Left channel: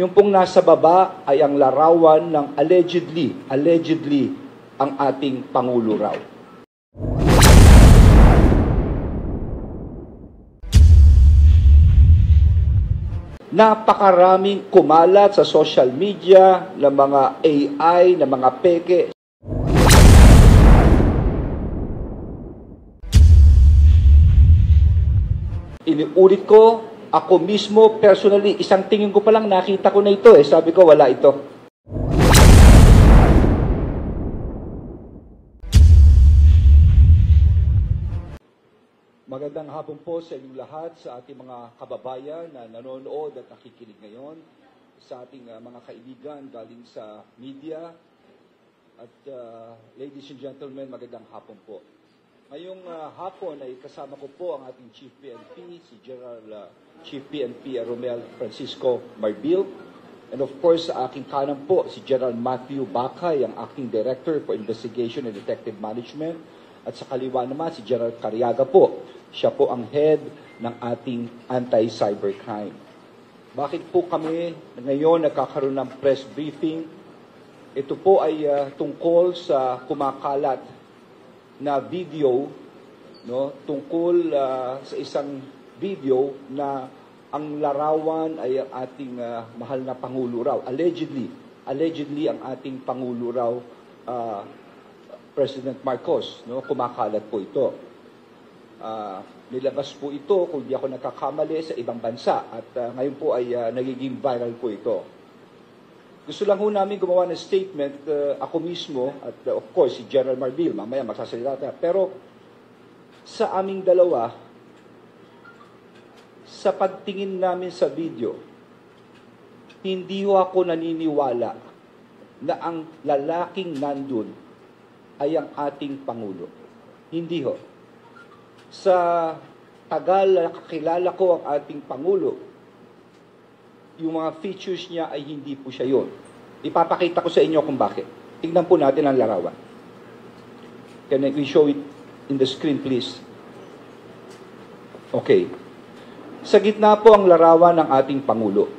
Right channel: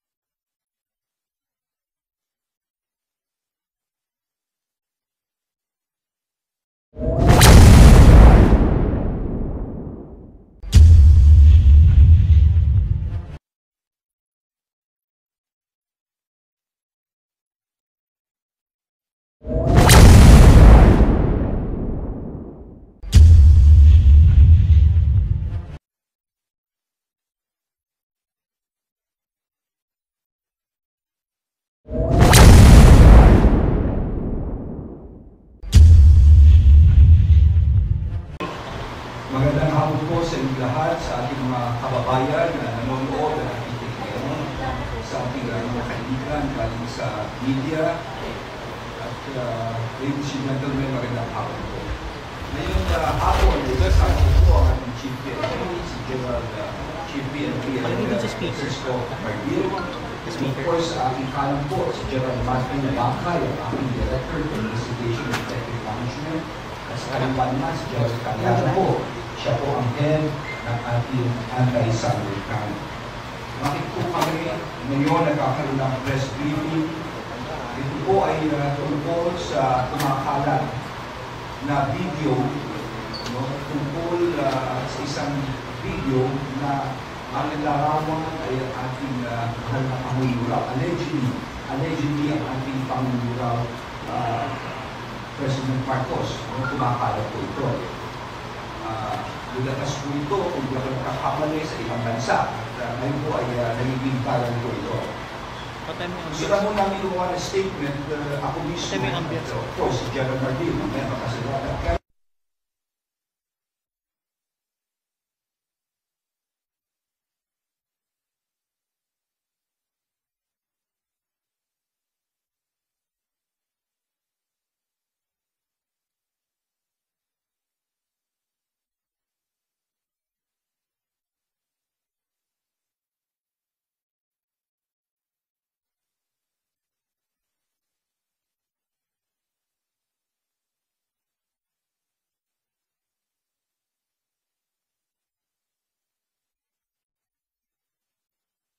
Yung pong nasa baba ay ang larawan ng allegedly ang ating Pangulo raw. Napakaraming kumalat sa social media ng mga AI, ng mga peke. Iniulit ko, ako mismo, personally, isang tingin ko pa lang nakita ko na ito eh. Sabi ko, wala ito. Magandang hapon po sa inyong lahat, sa ating mga kababayan na nanonood at nakikinig ngayon, sa ating mga kaibigan galing sa media. At ladies and gentlemen, magandang hapon po. Ngayong hapon, kasama ko po ang ating Chief PNP, si General Chief PNP Francisco Marbil. Of course, sa aking kanan po, si General Matthew Bacay, ang aking Director for Investigation and Effective Management. At sa kaliwa naman, si General Cariaga po. Siya po ang head ng ating anti-cyber crime. Bakit po kami ngayon nagkakaroon ng press briefing? Ito po ay tungkol sa kumakalat na video, no? Tungkol sa isang video na ang larawan ay ang ating mahal na Pangulo raw. Allegedly ang ating Pangulo raw, President Marcos, no? Kumakalat po ito. Nilakas po ito, kung di ako nakakamali, sa ibang bansa. At ngayon po ay nagiging viral po ito. Gusto lang po namin gumawa ng statement, ako mismo, at of course, si General Marbil, mamaya makasalata. Pero sa aming dalawa, sa pagtingin namin sa video, hindi ho ako naniniwala na ang lalaking nandun ay ang ating Pangulo. Hindi ho. Sa tagal na kakilala ko ang ating Pangulo, yung mga features niya ay hindi po siya yun. Ipapakita ko sa inyo kung bakit. Tingnan po natin ang larawan. Can we show it in the screen, please? Okay. Sa gitna po ang larawan ng ating Pangulo.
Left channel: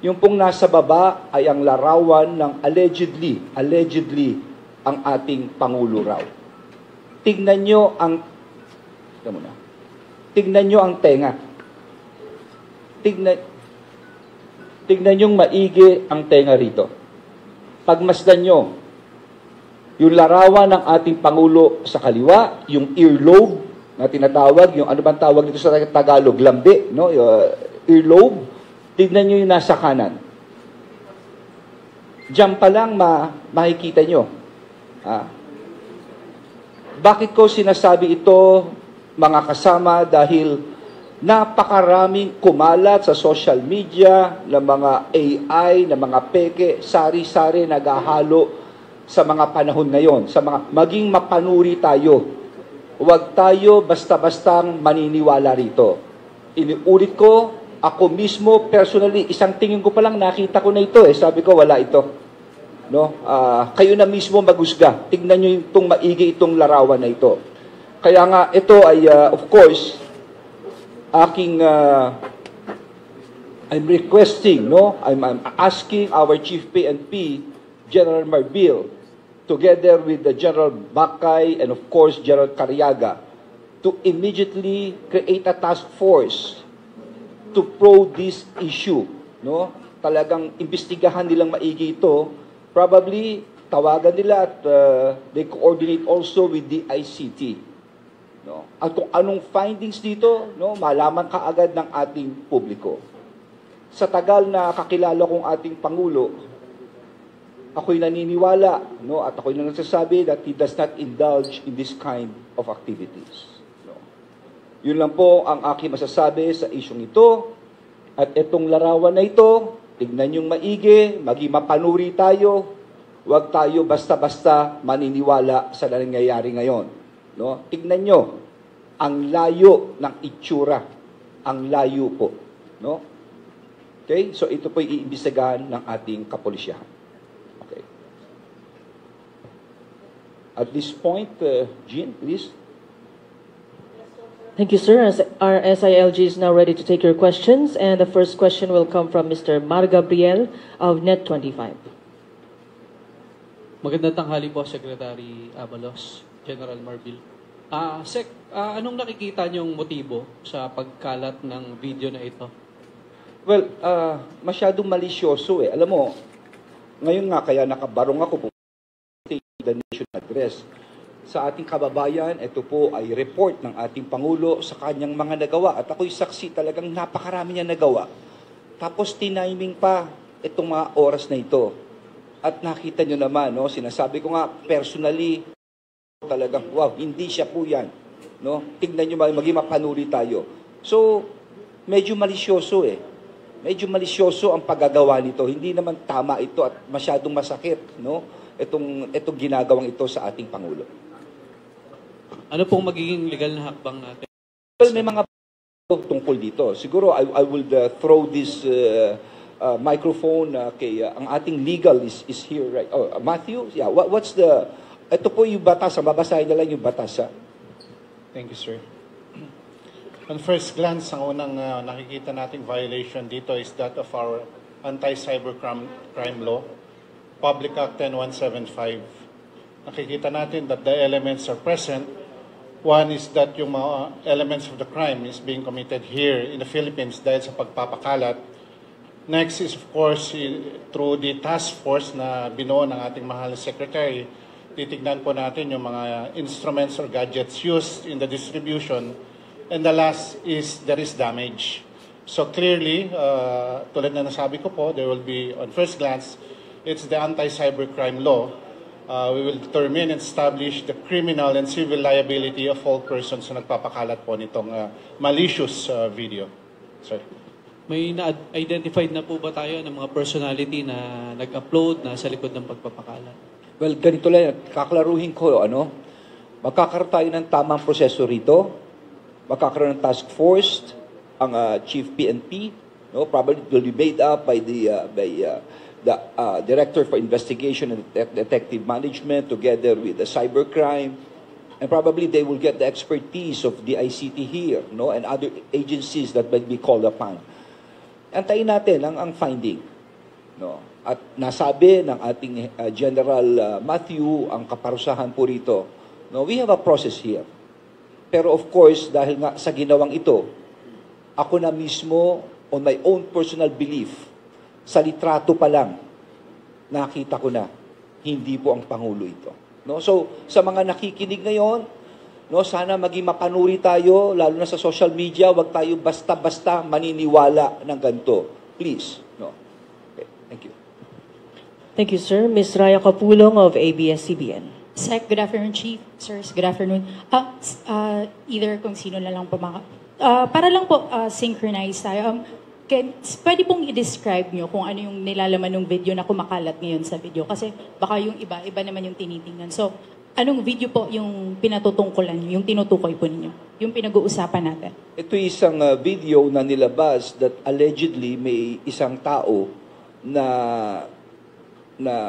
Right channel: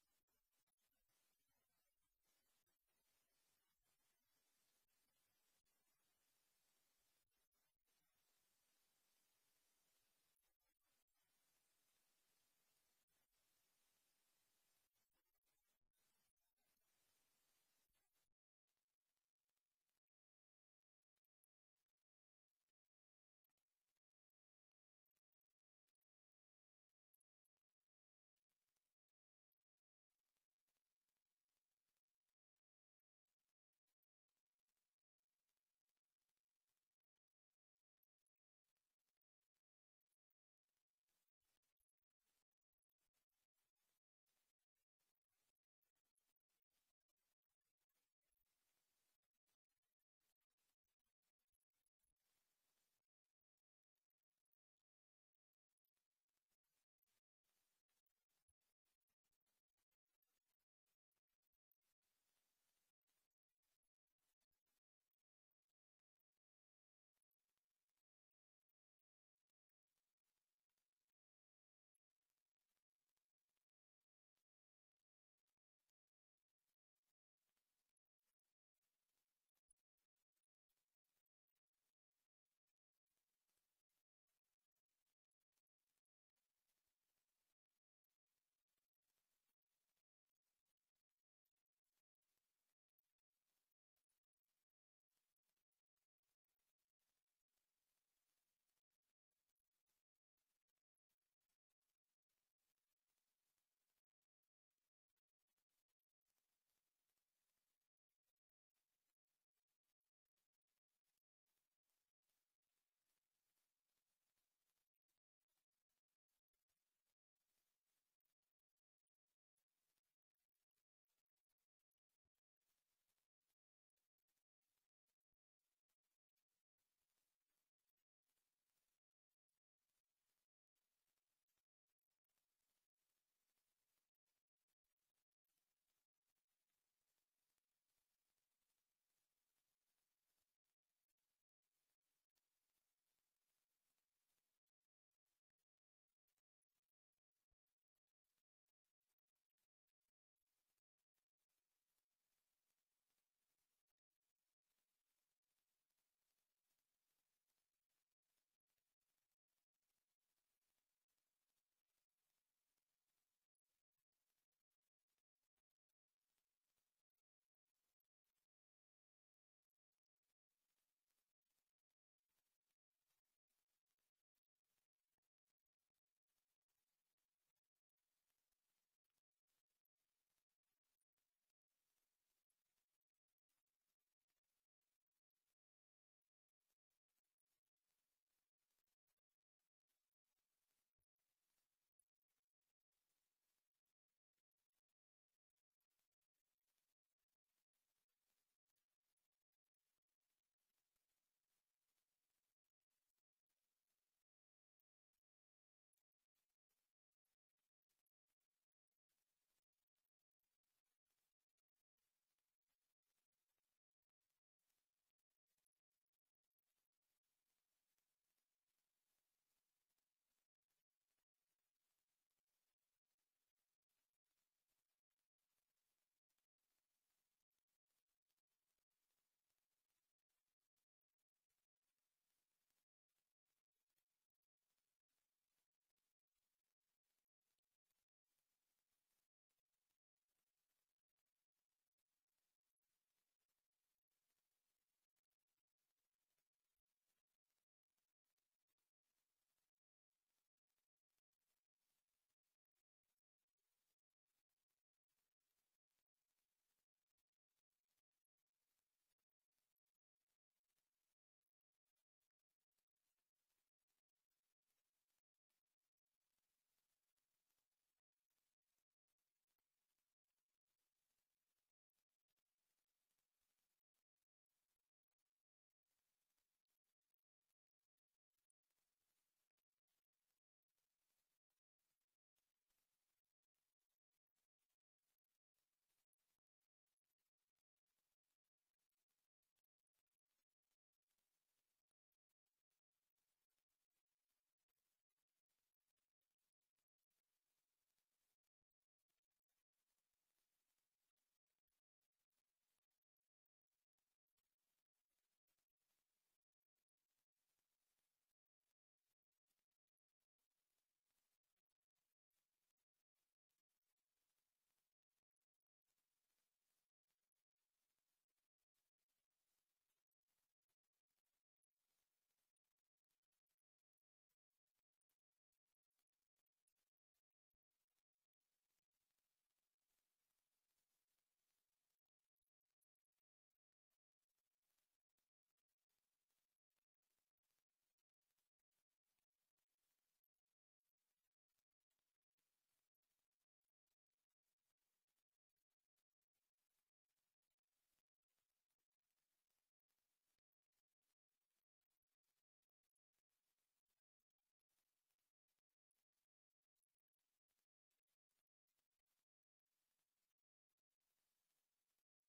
Yung pong nasa baba ay ang larawan ng allegedly ang ating Pangulo raw. Tingnan nyo ang tenga. Tignan yung maigi ang tenga rito. Pagmasdan nyo, yung larawan ng ating Pangulo sa kaliwa, yung earlobe na tinatawag, yung ano bang tawag dito sa Tagalog, lambi, no? Earlobe. Tignan nyo yung nasa kanan. Diyan pa lang makikita nyo. Bakit ko sinasabi ito, mga kasama, dahil napakaraming kumalat sa social media ng mga AI, ng mga peke, sari-sari naghahalo sa mga panahon ngayon, sa mga maging mapanuri tayo. Huwag tayo basta-bastang maniniwala rito. Iniulit ko, ako mismo, personally, isang tingin ko pa lang nakita ko na ito eh. Sabi ko, wala ito. No? Kayo na mismo maghusga. Tingnan nyo itong maigi itong larawan na ito. Kaya nga, ito ay, of course, I'm requesting, no? I'm asking our Chief PNP, General Marbil, together with the General Bacay and of course General Cariaga, to immediately create a task force to probe this issue, no? Talagang imbestigahan nilang maigi ito. Probably tawagan nila at they coordinate also with the ICT. No? At kung anong findings dito, no, malaman kaagad ng ating publiko. Sa tagal na kakilala kong ating Pangulo, ako'y naniniwala, no, at ako'y nagsasabi that he does not indulge in this kind of activities. No? Yun lang po ang aking masasabi sa isyong ito. At itong larawan na ito, tignan yung maigi, maging mapanuri tayo, huwag tayo basta-basta maniniwala sa nangyayari ngayon. No? Tignan nyo, ang layo ng itsura. Ang layo po. No? Okay? So ito po iimbestigahan ng ating kapulisyahan. Okay. At this point, Jean, please. Thank you, sir. Our SILG is now ready to take your questions, and the first question will come from Mr. Mar Gabriel of Net25. Magandang tanghali po, Secretary Abalos, General Marbil. Anong nakikita niyong motibo sa pagkalat ng video na ito? Well, masyadong malisyoso eh. Alam mo, ngayon nga kaya nakabarong ako po the nation address. Sa ating kababayan, ito po ay report ng ating Pangulo sa kanyang mga nagawa. At ako'y saksi, talagang napakarami niya nagawa. Tapos tiniming pa itong mga oras na ito. At nakita nyo naman, no, sinasabi ko nga, personally, talagang, wow, hindi siya po yan. No? Tignan nyo, maging mapanuri tayo. So, medyo malisyoso eh. Medyo malisyoso ang paggagawa nito. Hindi naman tama ito at masyadong masakit, no? Itong ginagawang ito sa ating Pangulo. Ano pong magiging legal na hakbang natin? Well, may mga tungkol dito. Siguro I will throw this microphone kay ang ating legal is here, right? Oh, Matthew, yeah. What's the ito po yung batas, babasahin na lang yung batas. Thank you, sir. On first glance, ang unang nakikita nating violation dito is that of our anti-cybercrime law, Public Act 10175. Nakikita natin that the elements are present. One is that yung mga elements of the crime is being committed here in the Philippines dahil sa pagpapakalat. Next is, of course, through the task force na binuo ng ating mahal na secretary, titignan po natin yung mga instruments or gadgets used in the distribution. And the last is there is damage. So clearly, tulad na nasabi ko po, there will be, on first glance, it's the anti-cybercrime law. We will determine and establish the criminal and civil liability of all persons na nagpapakalat po nitong malicious video. Sir. May na-identified na po ba tayo ng mga personality na nag-upload na sa likod ng pagpapakalat? Well, ganito lang, kaklaruhin ko, magkakaroon tayo ng tamang proseso rito, magkakaroon ng task force, ang Chief PNP, no, probably will be made up by the Director for Investigation and Detective Management together with the cybercrime, and probably they will get the expertise of the ICT here, no, and other agencies that will be called upon. Antayin natin ang finding, no. At nasabi ng ating General Matthew ang kaparusahan po rito. No, we have a process here. Pero of course, dahil nga sa ginawang ito, ako na mismo, on my own personal belief, sa litrato pa lang, nakita ko na, hindi po ang Pangulo ito. No? So, sa mga nakikinig ngayon, no, sana maging mapanuri tayo, lalo na sa social media, wag tayo basta-basta maniniwala ng ganito. Please. No? Okay. Thank you. Thank you, sir. Ms. Raya Capulong of ABS-CBN. Sec, good afternoon, Chief. Sirs, good afternoon. Either kung sino na lang po para lang po synchronize tayo. Pwede pong i-describe nyo kung ano yung nilalaman ng video na kumakalat ngayon sa video. Kasi baka yung iba naman yung tinitingnan. So, anong video po yung pinatutungkulan nyo, yung tinutukoy po ninyo, yung pinag-uusapan natin? Ito isang video na nilabas that allegedly may isang tao na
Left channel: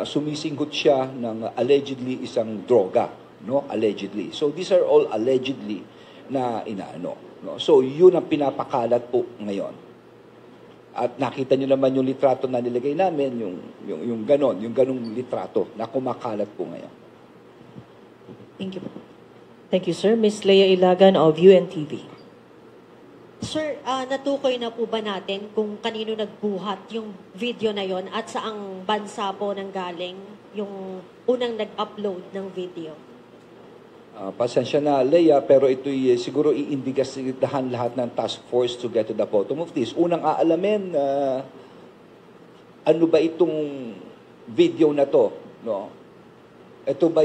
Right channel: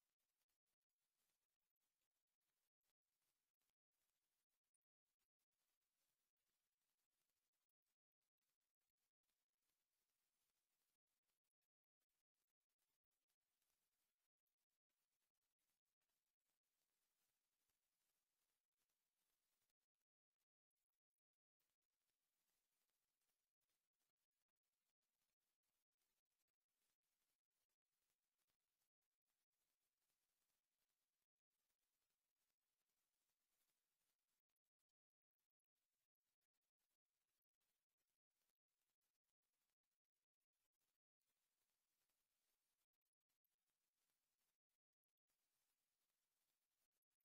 sumisinggot siya ng allegedly isang droga, no? Allegedly. So these are all allegedly na inaano, no? So yun ang pinapakalat po ngayon. At nakita niyo naman yung litrato na nilagay namin, yung ganong litrato na kumakalat po ngayon. Thank you. Thank you, sir. Ms. Leia Ilagan of UNTV. Sir, natukoy na po ba natin kung kanino nagbuhat yung video na yon at saang bansa po nang galing yung unang nag-upload ng video? Pasensya na, Leia, pero ito'y siguro iimbestigahan lahat ng task force to get to the bottom of this. Unang aalamin, ano ba itong video na to? No? Ito ba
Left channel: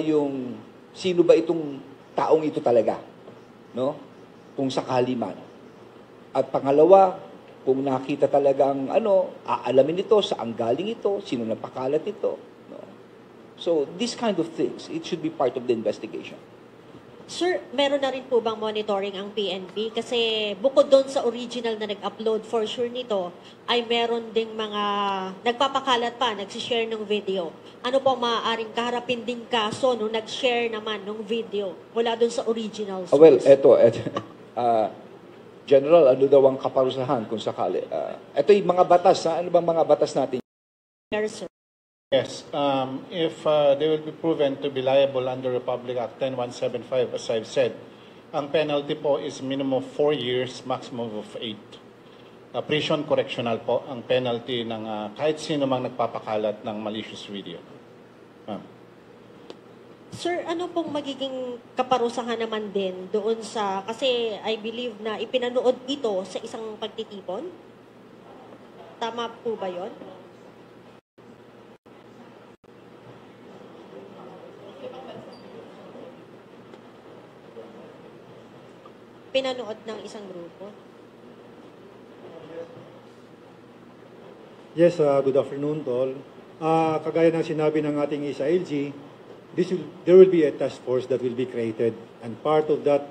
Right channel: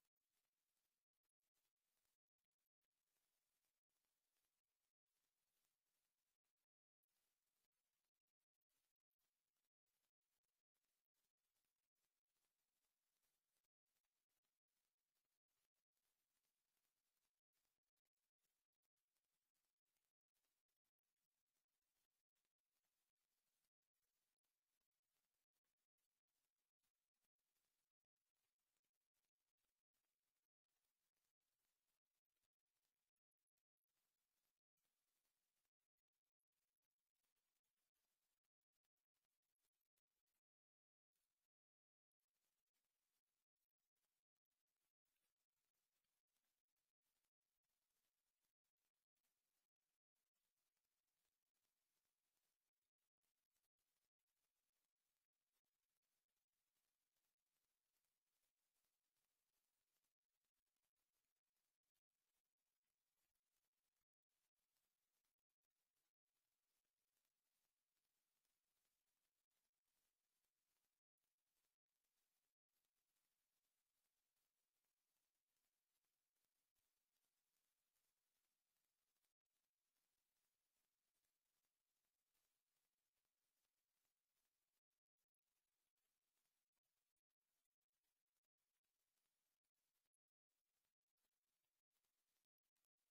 sino ba itong taong ito talaga? No? Kung sakali man. At pangalawa, kung nakita talagang aalamin ito, saan galing ito, sino napakalat ito. No? So, this kind of things, it should be part of the investigation. Sir, meron na rin po bang monitoring ang PNP? Kasi bukod doon sa original na nag-upload for sure nito, ay meron ding mga nagpapakalat pa, nagsishare ng video. Ano po maaaring kaharapin ding kaso nung nag-share naman ng video mula doon sa original source? Well, General, ano daw ang kaparusahan kung sakali? Ito yung mga batas, ano bang mga batas natin? Yes, sir. Yes, if they will be proven to be liable under Republic Act 10175, as I've said, ang penalty po is minimum of 4 years, maximum of 8. Prison correctional po ang penalty ng kahit sino mang nagpapakalat ng malicious video. Sir, ano pong magiging kaparusahan naman din doon sa, kasi I believe na ipinanood ito sa isang pagtitipon? Tama po ba yon? Pinanood ng isang grupo? Yes, good afternoon to all. Kagaya ng sinabi ng ating SILG, there will be a task force that will be created, and part of that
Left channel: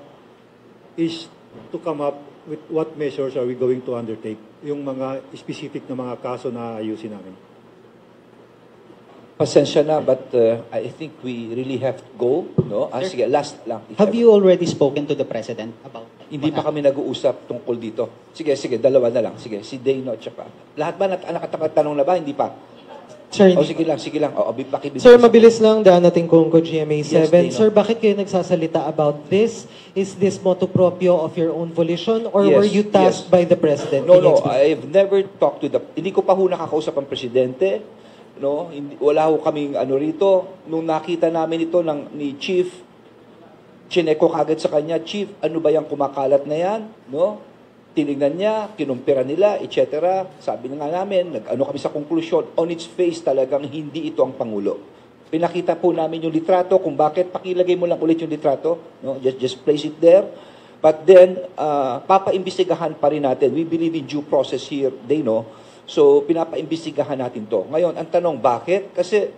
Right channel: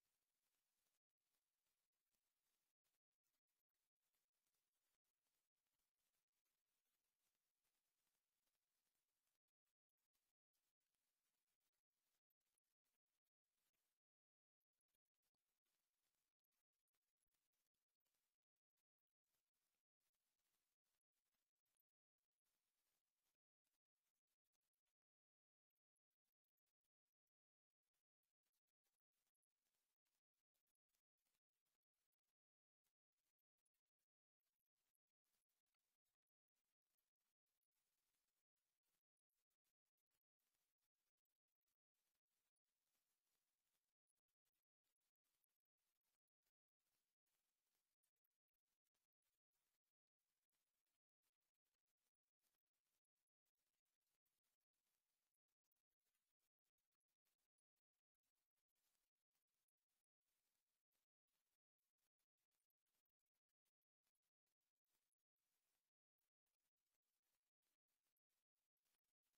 is to come up with what measures are we going to undertake, yung mga specific na mga kaso na ayusin namin. Pasensya na, but I think we really have to go. No? Sige, last lang. Have you already spoken to the President about Hindi pa kami nag-uusap tungkol dito. Sige, dalawa na lang. Sige, si Dano at saka. Lahat ba nakatatanong na ba? Hindi pa. Sir, Sige lang. Pakibigay. Sir, mabilis lang, daan natin Congo GMA7. Yes, Dino. Sir, bakit kayo nagsasalita about this? Is this motu proprio of your own volition or Yes, were you tasked yes. by the President? No, Can you no. explain? I've never talked to the... Hindi ko pa ho nakakausap ang Presidente. No? Wala ho kaming ano rito. Nung nakita namin ito ni Chief, chineko kagad sa kanya, Chief, ano ba yung kumakalat na yan? No? Tinignan niya, kinumpira nila, etc. Sabi na nga namin, nag-ano kami sa konklusyon, on its face talagang hindi ito ang Pangulo. Pinakita po namin yung litrato, kung bakit, pakilagay mo lang ulit yung litrato, no? Just place it there. But then, papaimbestigahan pa rin natin. We believe in due process here, they know. So, pinapaimbestigahan natin to. Ngayon, ang tanong, bakit? Kasi,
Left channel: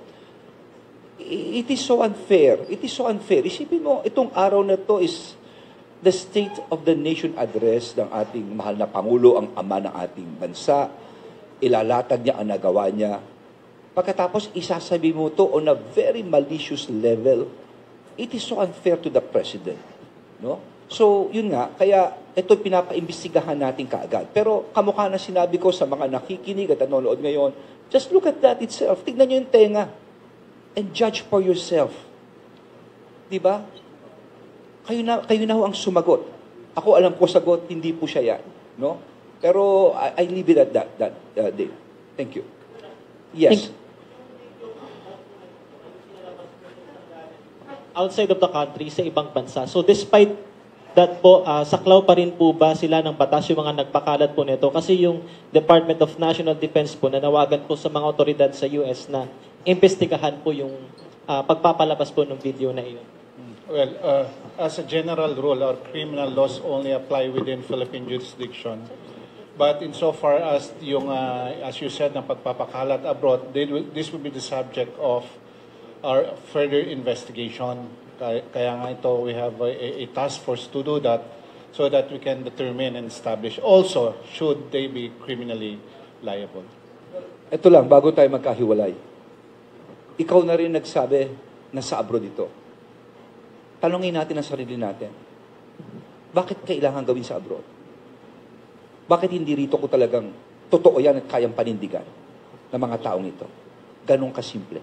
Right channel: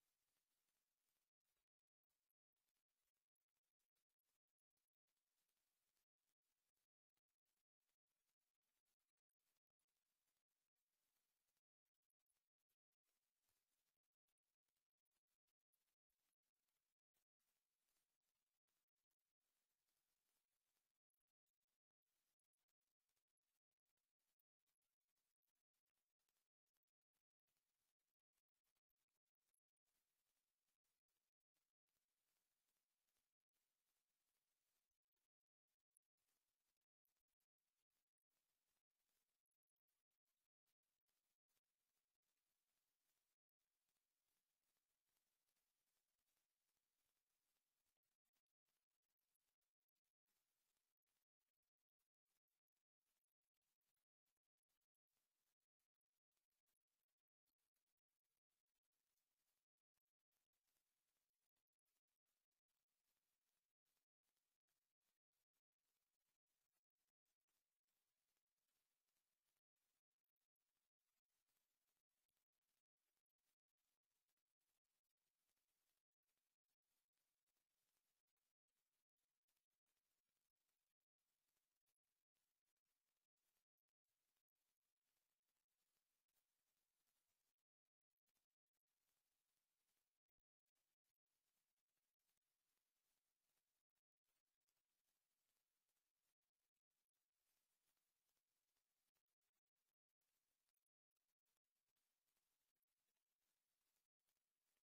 it is so unfair. It is so unfair. Isipin mo, itong araw na to is the State of the Nation address ng ating mahal na Pangulo, ang ama ng ating bansa. Ilalatag niya ang nagawa niya. Pagkatapos, isasabi mo to on a very malicious level. It is so unfair to the President. No? So, yun nga, kaya ito pinapaimbestigahan natin kaagad. Pero kamukha na sinabi ko sa mga nakikinig at nanonood ngayon, just look at that itself. Tignan nyo yung tenga. And judge for yourself. Diba? Kayo na ho ang sumagot. Ako alam ko sagot, hindi po siya yan. No? Pero I leave it at that day. Thank you. Yes. Outside of the country, sa ibang bansa. So despite that po, saklaw pa rin po ba sila ng batas yung mga nagpakalat po nito? Kasi yung Department of National Defense po, nanawagan po sa mga otoridad sa US na imbestigahan po yung pagpapalabas po ng video na iyon. Well, as a general rule, our criminal laws only apply within Philippine jurisdiction. But insofar as yung, as you said, ng pagpapakalat abroad, this will be the subject of our further investigation. Kaya nga ito, we have a task force to do that so that we can determine and establish also should they be criminally liable. Ito lang, bago tayo magkahiwalay. Ikaw na rin nagsabi na sa abroad ito. Tanungin natin ang sarili natin. Bakit kailangan gawin sa abroad? Bakit hindi rito ko talagang totoo yan at kayang panindigan ng mga taong ito? Ganong kasimple.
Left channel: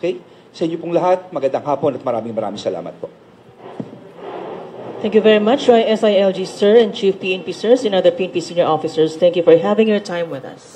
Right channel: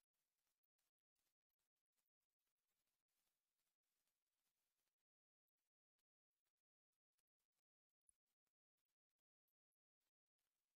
Okay? Sa inyo pong lahat, magandang hapon at maraming salamat po. Thank you very much, SILG Sir and Chief PNP Sirs and other PNP Senior Officers. Thank you for having your time with us.